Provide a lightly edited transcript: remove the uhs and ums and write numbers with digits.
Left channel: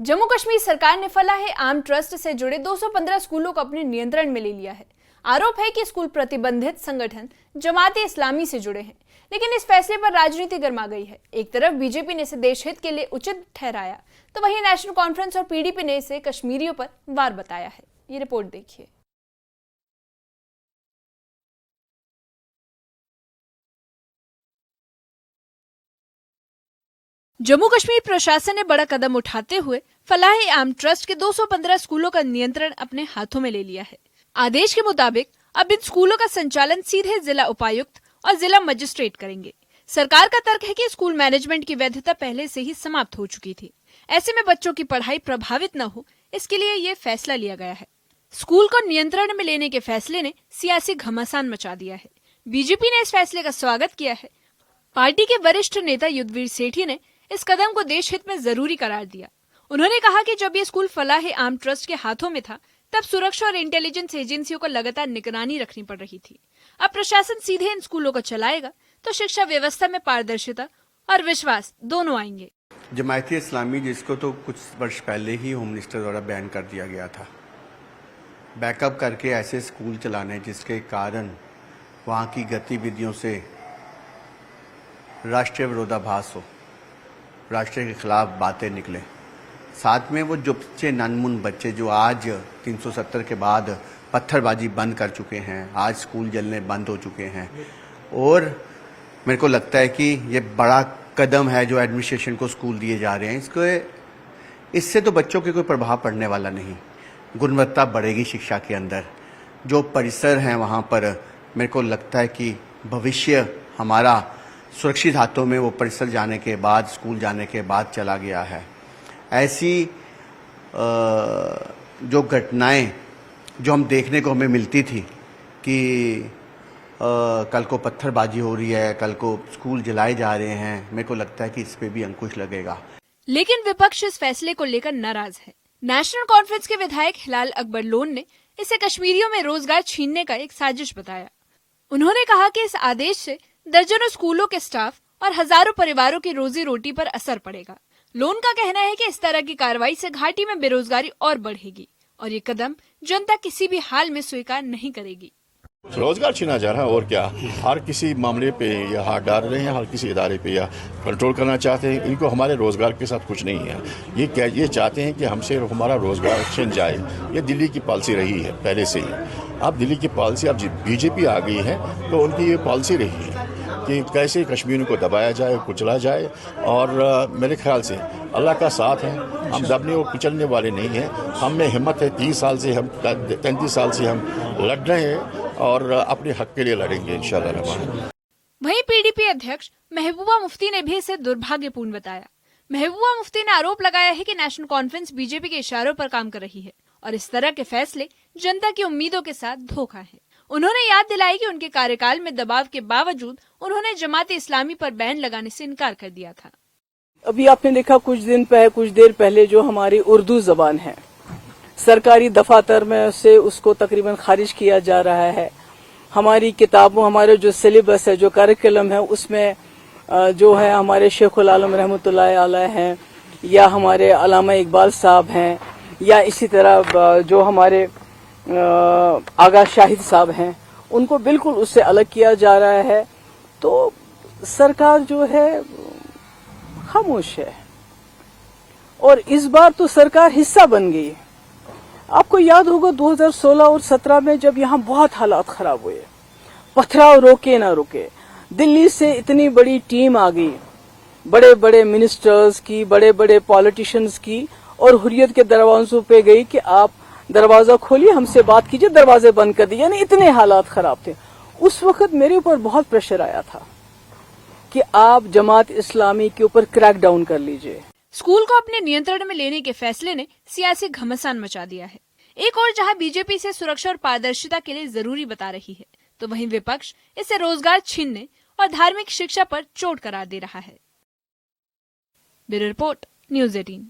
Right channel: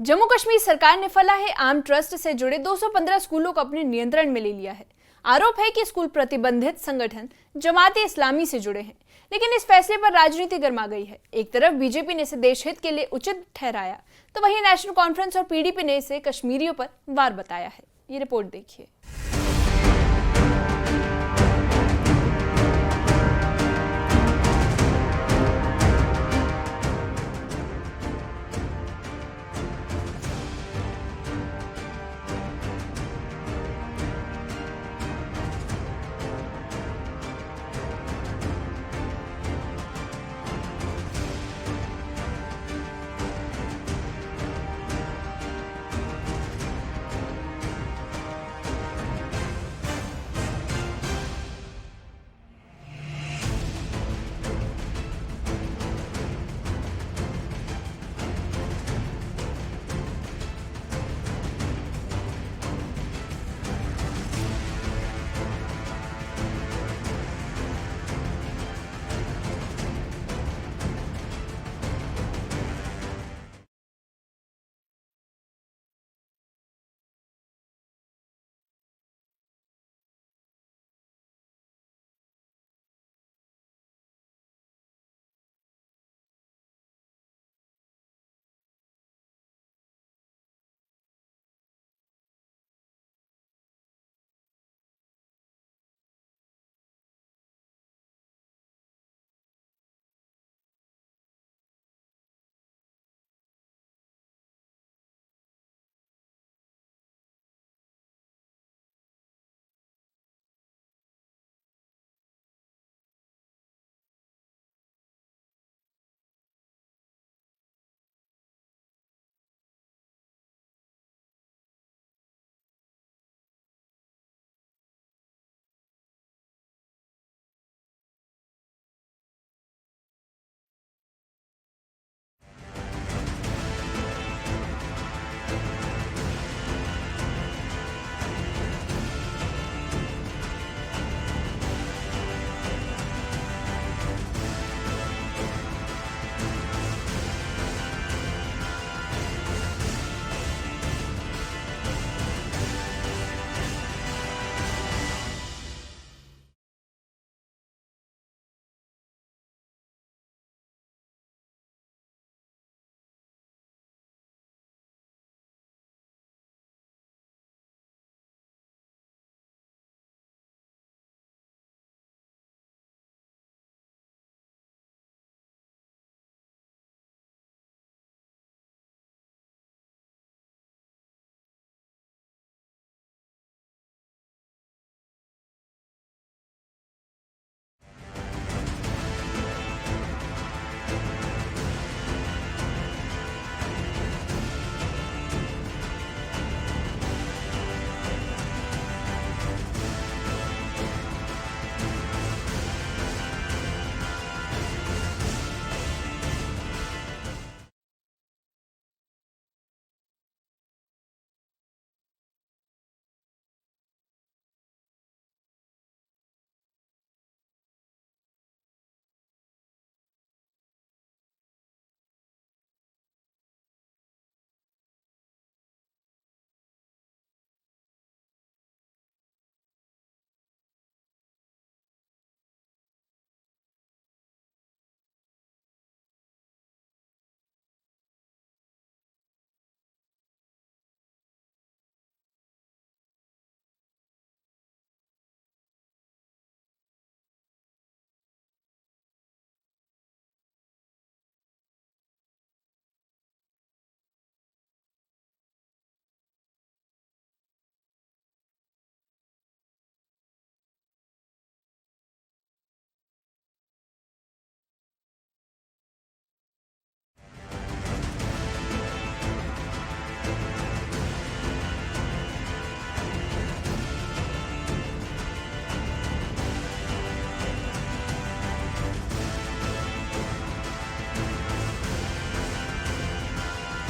जम्मू कश्मीर सरकार ने फलाह-ए-आम ट्रस्ट से जुड़े 215 स्कूलों को अपने नियंत्रण में ले लिया है। आरोप है कि स्कूल प्रतिबंधित संगठन जमात-ए-इस्लामी से जुड़े हैं, लेकिन इस फैसले पर राजनीति गर्मा गई है। एक तरफ बीजेपी ने इसे देश हित के लिए उचित ठहराया, तो वहीं नेशनल कॉन्फ्रेंस और पीडीपी ने इसे कश्मीरियों पर वार बताया है। ये रिपोर्ट देखिए। जम्मू कश्मीर प्रशासन ने बड़ा कदम उठाते हुए फलाह-ए-आम ट्रस्ट के 215 स्कूलों का नियंत्रण अपने हाथों में ले लिया है। आदेश के मुताबिक अब इन स्कूलों का संचालन सीधे जिला उपायुक्त और जिला मजिस्ट्रेट करेंगे। सरकार का तर्क है कि स्कूल मैनेजमेंट की वैधता पहले से ही समाप्त हो चुकी थी। ऐसे में बच्चों की पढ़ाई प्रभावित न हो, इसके लिए ये फैसला लिया गया है। स्कूल को नियंत्रण में लेने के फैसले ने सियासी घमासान मचा दिया है। बीजेपी ने इस फैसले का स्वागत किया है। पार्टी के वरिष्ठ नेता युद्धवीर सेठी ने इस कदम को देश हित में जरूरी करार दिया। उन्होंने कहा कि जब ये स्कूल फलाह-ए-आम ट्रस्ट के हाथों में था, तब सुरक्षा और इंटेलिजेंस एजेंसियों को लगातार निगरानी रखनी पड़ रही थी। अब प्रशासन सीधे इन स्कूलों को चलाएगा, तो शिक्षा व्यवस्था में पारदर्शिता और विश्वास दोनों आएंगे। जमात-ए-इस्लामी, जिसको तो कुछ वर्ष पहले ही होम मिनिस्टर द्वारा बैन कर दिया गया था, बैकअप करके ऐसे स्कूल चलाने जिसके कारण वहाँ की गतिविधियों से राष्ट्रीय विरोधाभास हो, राष्ट्र के खिलाफ बातें निकले, साथ में वो जो बच्चे नन्मुन बच्चे जो आज 370 के बाद पत्थरबाजी बंद कर चुके हैं, आज स्कूल जलने बंद हो चुके हैं। और मेरे को लगता है कि ये बड़ा कदम है जो एडमिनिस्ट्रेशन को स्कूल दिए जा रहे हैं। इससे तो बच्चों के कोई प्रभाव पड़ने वाला नहीं, गुणवत्ता बढ़ेगी शिक्षा के अंदर। जो परिसर हैं वहाँ पर मेरे को लगता है कि भविष्य हमारा सुरक्षित हाथों में वो परिसर जाने के बाद, स्कूल जाने के बाद चला गया है। ऐसी जो घटनाएं जो हम देखने को हमें मिलती थी कि कल को पत्थरबाजी हो रही है, कल को स्कूल जलाए जा रहे हैं, मेरे को लगता है कि इस पे भी अंकुश लगेगा। लेकिन विपक्ष इस फैसले को लेकर नाराज है। नेशनल कॉन्फ्रेंस के विधायक हिलाल अकबर लोन ने इसे कश्मीरियों में रोजगार छीनने का एक साजिश बताया। उन्होंने कहा कि इस आदेश से दर्जनों स्कूलों के स्टाफ और हजारों परिवारों की रोजी रोटी पर असर पड़ेगा। लोन का कहना है कि इस तरह की कार्रवाई से घाटी में बेरोजगारी और बढ़ेगी और ये कदम जनता किसी भी हाल में स्वीकार नहीं करेगी। रोजगार छीना जा रहा है और क्या, हर किसी मामले पे या हाथ डाल रहे हैं, हर किसी इदारे पे या कंट्रोल करना चाहते हैं। इनको हमारे रोजगार के साथ कुछ नहीं है। ये चाहते हैं कि हमसे हमारा रोजगार छिन जाए। ये दिल्ली की पॉलिसी रही है पहले से ही। अब दिल्ली की पॉलिसी, अब बीजेपी आ गई है तो उनकी ये पॉलिसी रही है कि कैसे कश्मीर को दबाया जाए, कुचला जाए। और मेरे ख्याल से अल्लाह का साथ है, हम दबने और कुचलने वाले नहीं हैं। हम में हिम्मत है। 33 साल से हम लड़ रहे हैं और अपने हक के लिए लड़ेंगे इंशाअल्लाह रहमान। वहीं पीडीपी अध्यक्ष महबूबा मुफ्ती ने भी इसे दुर्भाग्यपूर्ण बताया। महबूबा मुफ्ती ने आरोप लगाया है कि नेशनल कॉन्फ्रेंस बीजेपी के इशारों पर काम कर रही है और इस तरह के फैसले जनता की उम्मीदों के साथ धोखा है। उन्होंने याद दिलाई कि उनके कार्यकाल में दबाव के बावजूद उन्होंने जमात-ए-इस्लामी पर बैन लगाने से इनकार कर दिया। अभी आपने देखा कुछ देर पहले जो हमारी उर्दू जबान है, सरकारी दफातर में से उसको तकरीबन खारिज किया जा रहा है। हमारी किताबों, हमारे जो सिलेबस है, जो करिकुलम है, उसमें जो है हमारे शेखुल आलम रहमतुल्लाह अलैह हैं, या हमारे अल्लामा इकबाल साहब हैं, या इसी तरह जो हमारे आगा शाहिद साहब हैं, उनको बिल्कुल उससे अलग किया जा रहा है। तो सरकार जो है खामोश है और इस बार तो सरकार हिस्सा बन गई। आपको याद होगा 2016 और 17 में जब यहाँ बहुत हालात खराब हुए, पथराव रोके ना रुके, दिल्ली से इतनी बड़ी टीम आ गई, बड़े बड़े मिनिस्टर्स की, बड़े बड़े पॉलिटिशियंस की, और हुर्रियत के दरवाजों पे गई कि आप दरवाजा खोलिए, हमसे बात कीजिए, दरवाजे बंद कर दिए। यानी इतने हालात खराब थे। उस वक्त मेरे ऊपर बहुत प्रेशर आया था कि आप जमात-ए-इस्लामी के ऊपर क्रैक डाउन कर लीजिए। स्कूल को अपने नियंत्रण में लेने के फैसले ने सियासी घमासान मचा दिया है। एक और जहां बीजेपी इसे सुरक्षा और पारदर्शिता के लिए जरूरी बता रही है, तो वहीं विपक्ष इसे रोजगार छीनने और धार्मिक शिक्षा पर चोट करार दे रहा है। Bureau report, news 18।